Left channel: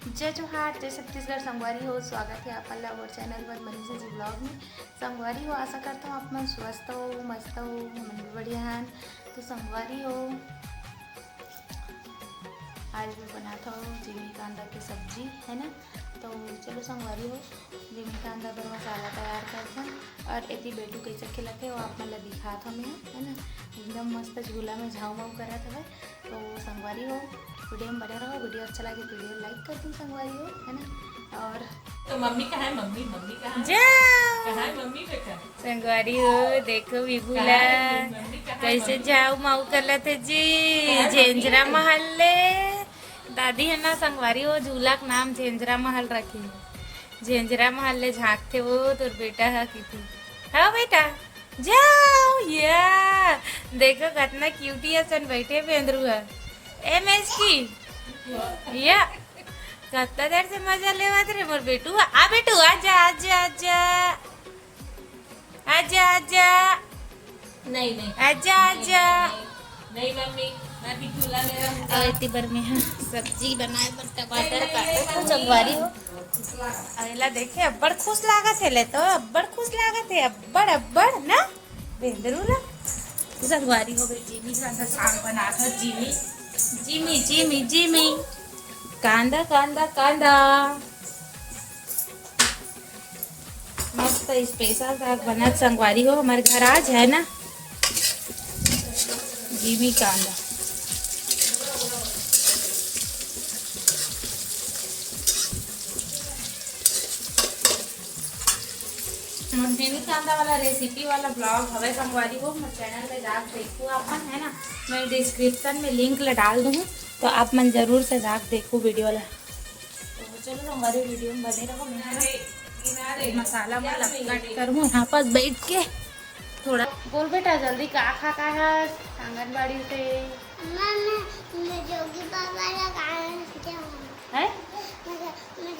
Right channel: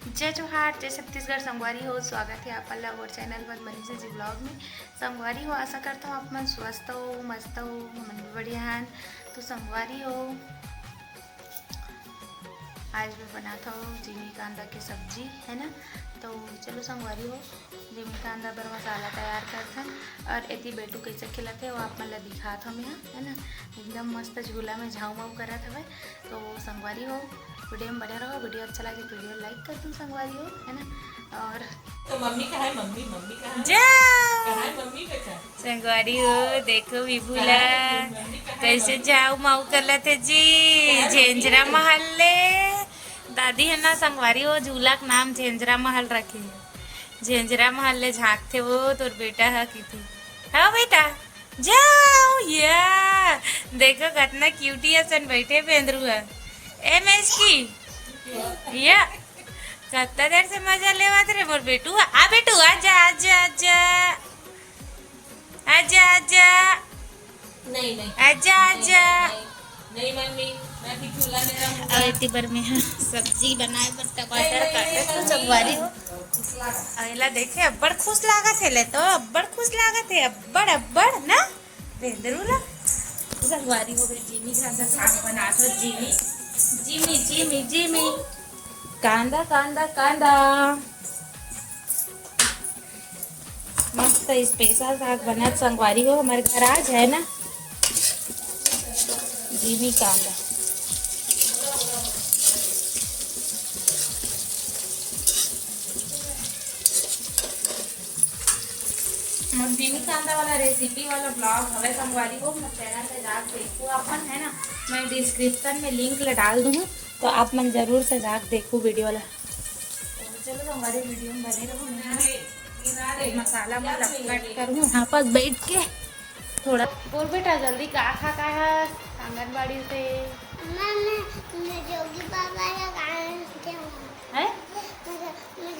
जय जोहार, जय छत्तीसगढ़। संगवारी हो, स्वागत है आप लोग और चैनल पर मनीषा जी ब्लॉग में। संगवारी हो, आशा करता हूँ आप मन स्वस्थ हो, मस्त हो, मन भी बढ़िया हैं। तो संगवारी हो, आज मैं बनाता हूँ जिमी कांदा की सब्जी, है ना। तो चलो संगवारी हो, जिमी कांदा पर मसाला तैयार करते हैं और एती बेटू कैसे खिलाते वो आप मन ला दिखात हम यहाँ, है ना। एकदम मस्त झूला में झाऊ माऊ करत हवे। तो संगवारी हो, वीडियो में बने रहो। वीडियो अच्छा लगे तो वीडियो लाइक कर दूँ संगवारी हो, है ना। और तो मम्मी का है, मम्मी का है, जाओ है मम्मी का है। संगवारी हो, देखो विभूला कैसे झाऊ माऊ करत है जी। झेंझरा महल ले दादी है ना संगवारी हो, झूला का नाम झेंझरा महल रखे है। झेंझरा महल ले झांकते वो तोर बेटा है की थी। हाँ बेटा जाओ, या देखो कितना क्यूटी असन बैठे बेंदरू है। ए मैच की या कितना देर से मजा लेवत रे मोर बेटू। आ बेटू आजा आजा आजा आजा आजा नहीं आजा आजा। नहीं मम्मी, मैं भी झूला ले रहा हूँ। और इतनी बार में हाँ सब्जी बनाए पर टमाटर काटे तो संगवारी हो। अगला देखे अब्बड़ खुश लागत है ले, तो अब्बड़ खुश लागत है, अब्बड़ अब्बड़ ना बेंदरू ना। संगवारी हो गई जिमी ज्यादा साग बना तो जिमी जिमी जिमी जिमी कांदा कांदा कांदा मस्त स्पेशल साग बना संगवारी हो। हमारे घर आज है ना जिमी कांदा। जिमी कांदा वाला रेसिपी वाला ब्लॉग हवे संगवारी हो, मैं चैनल पे जाके देखो अपन, है ना। मैं डिस्क्रिप्शन में लिंक ला डाल दूँ तो आप मन जरूर से जाके देखो वीडियो वाला। तो चलो हमारे वीडियो में बने रहो। मैं मसाला वाला कट करूँ यहाँ पर बैठ के थोड़ा। बोल बेटा जल्दी का खा है आंगनबाड़ी से मैं जोगी बाबा लगा है। मैं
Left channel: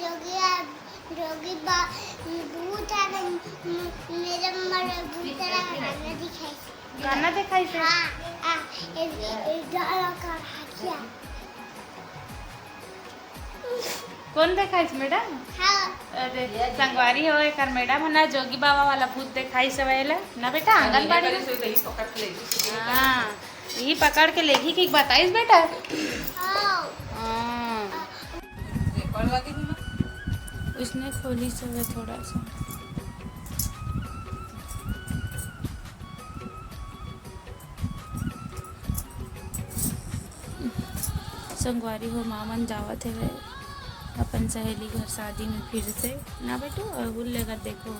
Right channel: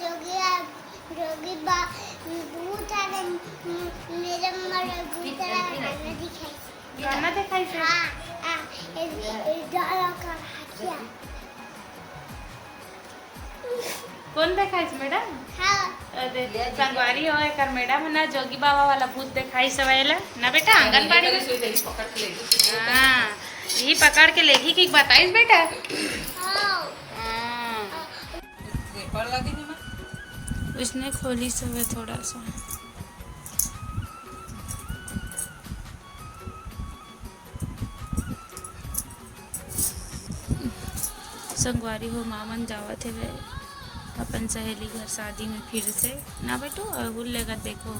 जोगी बा भूत आ मेरे मरे भूत गाना दिखाई गाना दिखाई से। हाँ डाला कर किया। कौन दिखाई मैडम? हाँ अरे संगवारी हो कर मैडम ना जोगी बाबा वाला भूत दिखाई सवेला ना बेटा आंगनबाड़ी में। पकड़ के ले गई। हाँ यही पकड़ के लेगी कि बताइस बेटा। हाँ पेपर लगे हुए। उसने खोली सवे थोड़ा सा। संगवारी हो मामन जावत है वे अपन सहेली घर शादी में फिर से ना बेटू। और लेकर देखो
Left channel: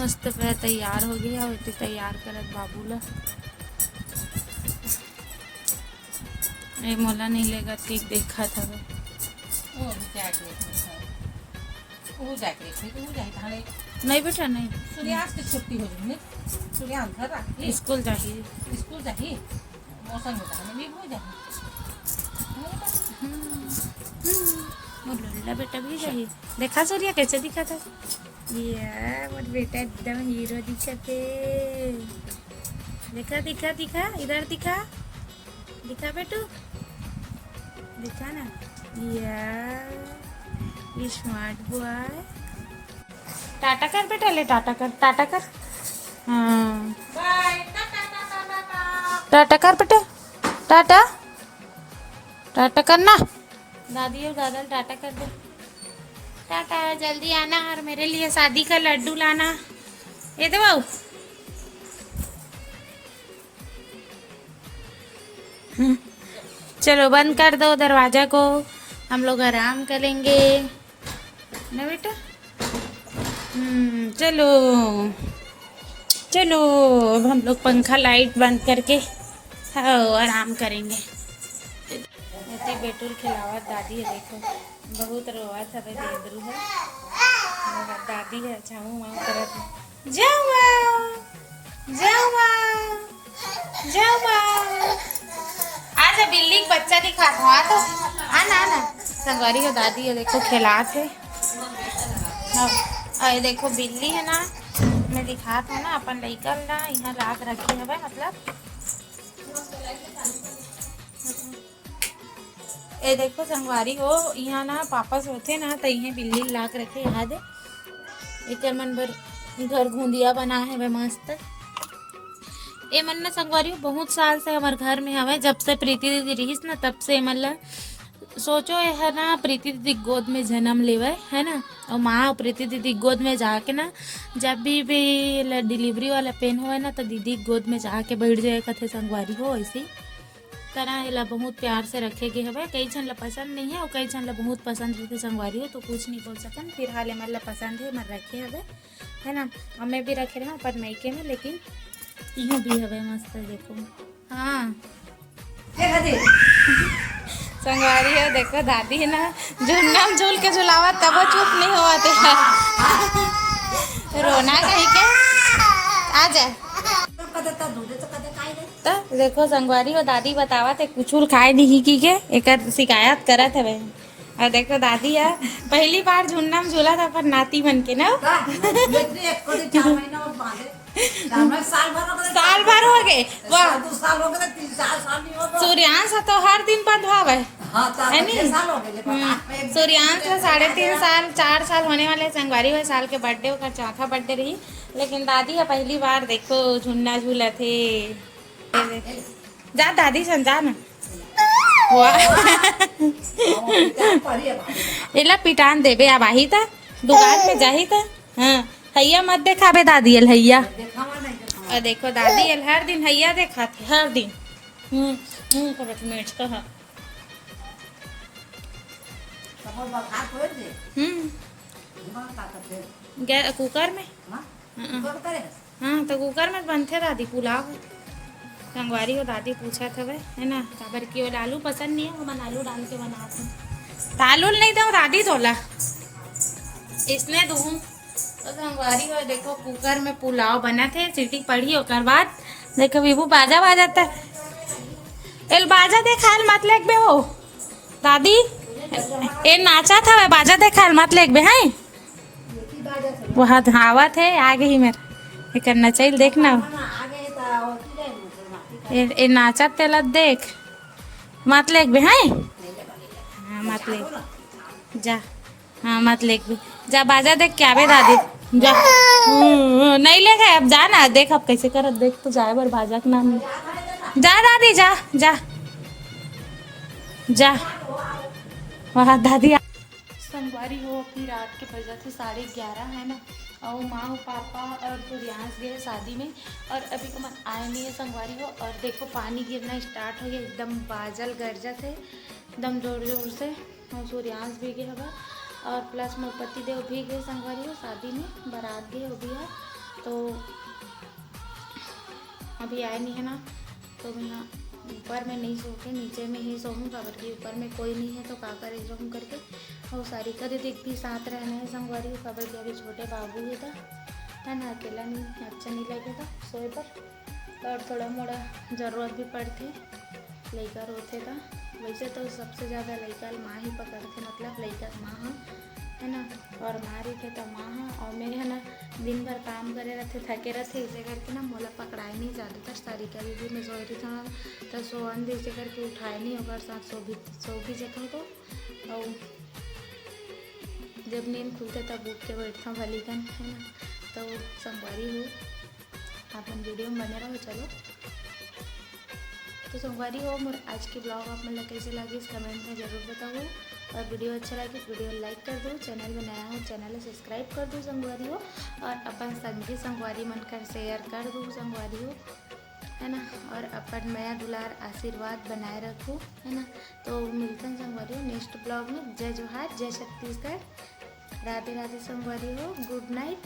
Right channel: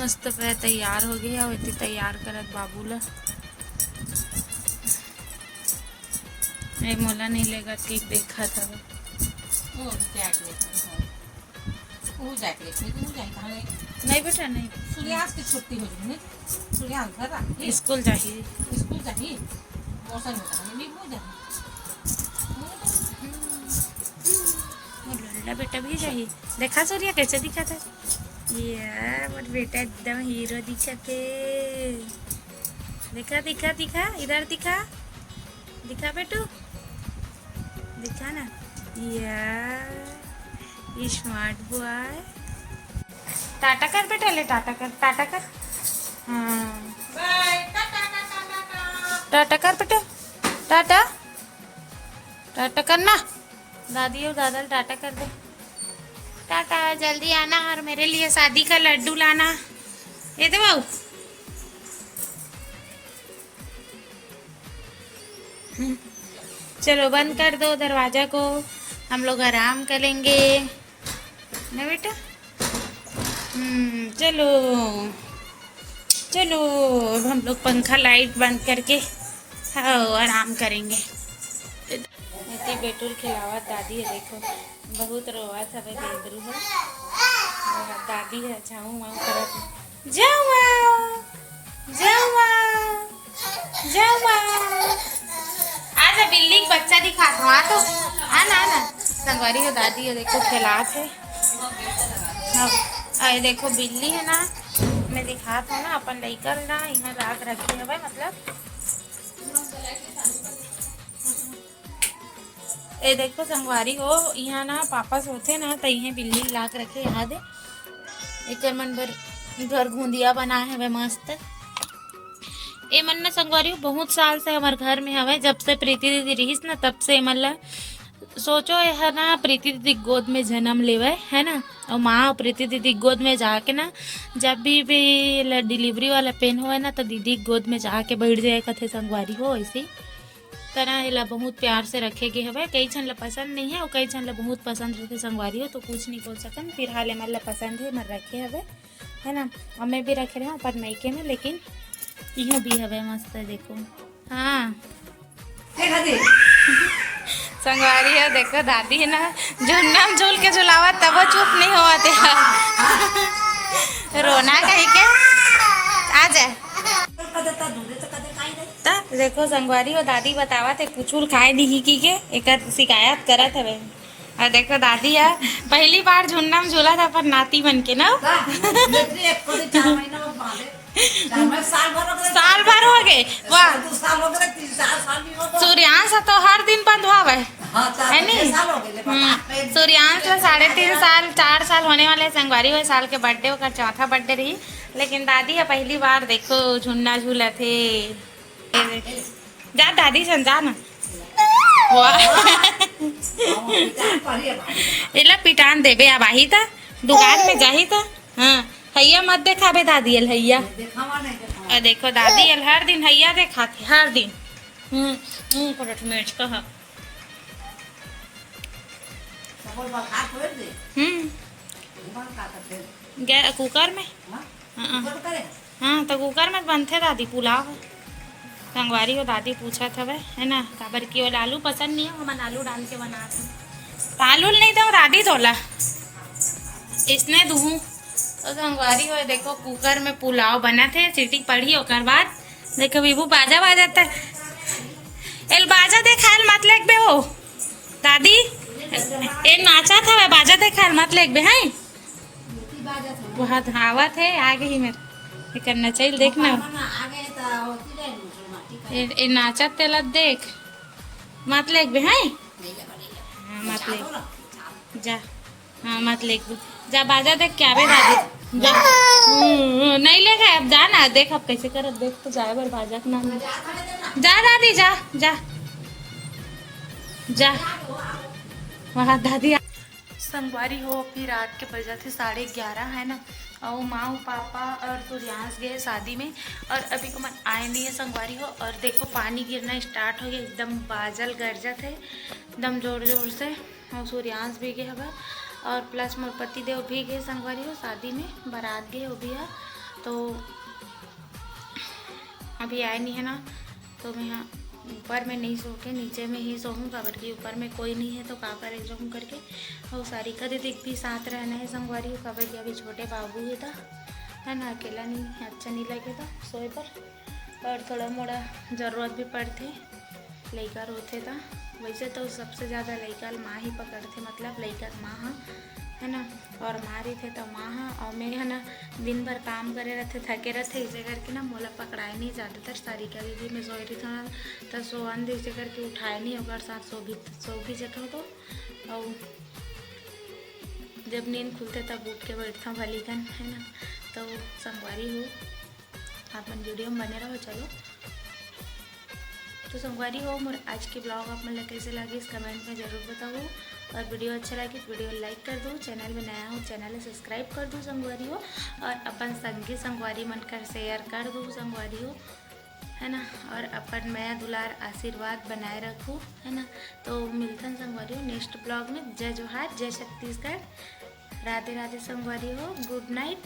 मस्त पे तैयार हो गया और इतनी तैयार करत बाबू ला। अरे मोला नहीं लेगा कि देखा था वो जाके वो जाके नहीं बेटा नहीं सूर्यास्त की छुट्टी हो रही है। सूर्यास्त घर आके स्कूल चाहिए। स्कूल जाइए, मौसम होता है नहीं हो जाए। लल्ला बेटा भी चाहिए। देखा सूर्या कैसे दिखा था यार, मेरा बेटा एकदम हीरो दिखा थे। दिखा दिखा दिखा इधर दिखा दिखा बेटू दिखा ना यार स्मार्ट बॉय। टाटा कर बेटा, ले टाटा कर टाटा कर। बाय टाटा कर बेटे, टाटा टाटा करना। दादी और दादा टाटा कर दे। टाटा, जल्दी आना और मेरे लिए शादी का लड्डू लाना। ये तो बाबू चलो बंद कर दो दरवाजा को, हम लोग आराम करेंगे ना बेटा। चलो चलो अब हम लोग पंखा लाइट बंद करके हाँ आराम करेंगे। ऐसे बेटुल खिलावत दादी है, देखो बहुत रोवत है बेंदरू है। और दादी है झाऊ माऊ करत जाओ माओ जाओ माओ जाओ माओ। आज बिल्ली का बच्चा दिखा था तो आना आना। संगवारी है दादी है, देखो खिलात है। हाँ अरे देखो बिल्ली है ना, मैं दिखात हूँ ना अपन लइका ना यहाँ राख रखी है मतलब ए देखो संगवारी हो, यहाँ ना पापा सोते ना तो यहाँ बिल्ली लाक रखे याद है। एक मन भर घर घूंदिया बना है वे मस्त। ए मन ना संगवारी हो बहुत साल से हमारे घर में हवे, जब से प्रीति दीदी रहीस ना तब से मतलब सोचो है ना प्रीति दीदी गोद में जन्म लेवे है ना, और माँ प्रीति दीदी गोद में जाके ना जब भी डिलीवरी वाला पेन हो ना तो दीदी गोद में जाके बैठ जाए कथे संगवारी हो। ऐसी तरह एला बहुत प्यार से रखे गए हवे। कई जन ला पसंद नहीं है और कई जन ला बहुत पसंद रहते संगवारी हो, तो कुछ नहीं बोल सकन। फिलहाल हमारे ला पसंद है, मैं रखे हवे है ना, और मैं भी रखे रहा पर मैके में, लेकिन इहो भी हवे मस्त देखो। हाँ संगवारी है देखो, दादी है ना झूलना झूल के झुलावा तब चुप नहीं हुआ थे रोना कहीं के आ जाए। तो देखो संगवारी हो दादी बतावा थे कुछ खाए नहीं की के एक शिकायत करत है। और देखो दादी है पहली बार झुन्ना में झूला था पर नाती बन के ना साल भर हो गए। वाह सूर्यांश तो हर दिन बंद हुआ है नहीं। सूर्यांश 3.5 साल 4 साल होने वाले संगवारी हुए, साल के बर्थडे होकर चौथा बर्थडे रही, लेकिन दादी है पहली बार देखो झुन्ना झूला थे। जा दादी सन जा ना इला पिटान देबे अब आई था दुकान में जाही था। हाँ हैया मत देखा बे दादी एल हैया। और देखो दादी एल हर दिन हैया देखा थे हर दिन। करट मिर्च कहा कुकर में। हाँ तो कुकर में बनते दादी पुलाव। संगवारी हो दादी पूछा था वह है ना काबर की और आलू पसंद नहीं है, हम आलू डाल के बनाते आलू नहीं दो दादी तोला इसने दूँ। तो संगवारी हो देखो कुकर में पुलाव बना थे, सीटी पड़ी होकर बाद देखो विभू बाजा बाजाता है। एल बाजा देखा मत लेक बे हो दादी ए नाचा था वह बाजा देखा मत लेक बे है वहाँ हवा थे आगे ही मेरा करना चाहिए देखना ए नाचा तेला देख मत लेक बे है। हाँ मत लेक जा, हाँ मत लेक बे जा बाजा देख क्या बे दादी जा। नहीं लेगा अब जा ना देख अब कैसे कर देख तो जाए बर बाजा के नाम जा दादी जा जा जा। वहाँ दादी संगवारी हो अपनी रात के बजा थे 11:30 है ना, और माँ पापा और सूर्यांश गए शादी में और अभी को मन आए नहीं है संगवारी हो। और देखो पानी गिरना स्टार्ट हो गया, एकदम बादल गरजा थे एकदम जोर जोर से, और सूर्यांश भी गए हवा और प्लस मोर पति देव भी गए संगवारी हो शादी में, बारात गए वो भी है। तो अभी आए नहीं है ना, तो मैं यहाँ ऊपर में नहीं सो के नीचे में ही सोऊँ काबर की ऊपर में कोई नहीं है तो का करे रहूँ करके। और सारिका दीदी भी साथ रहना है संगवारी हो काबर की अभी छोटे बाबू ही था है ना, अकेला नहीं अच्छा नहीं लगेगा सोए पर। और थोड़ा मोड़ा ज़रूरत भी पड़ती लड़का रोते था। वैसे तो सबसे ज़्यादा लड़का माँ ही पकड़ते, मतलब लड़का माँ हाँ है ना, और माँ रही थे तो माँ हाँ। और मैं है ना दिन भर काम करे रहते थके रहते इसे करके ना मोला पकड़ाए नहीं ज़्यादातर। सारिका दीदी में सोई रही था तो सोहन इसे करके उठाए नहीं होगा साथ सो भी जगह तो। और जब नींद खुलते तब उठ के बैठता भलीकन है ना। तो संगवारी हो आप मन वीडियो में बने रहो। चलो तो संगवारी हो मोर आज के ब्लॉग आप मन कैसे लगे इस कमेंट में ज़रूर बताओ। और वीडियो अच्छा लगे तो वीडियो लाइक कर दो, चैनल में नया हो चैनल सब्सक्राइब कर दो संगवारी हो, और अपन संगी संगवारी मन कर शेयर कर दो संगवारी हो है ना। और अपन मैं दुलार आशीर्वाद बनाए रखूँ है ना। तो मिलते हैं संगवारी हो नेक्स्ट ब्लॉग में। जय जोहार, जय छत्तीसगढ़, राधे राधे संगवारी हो, गुड नाइट।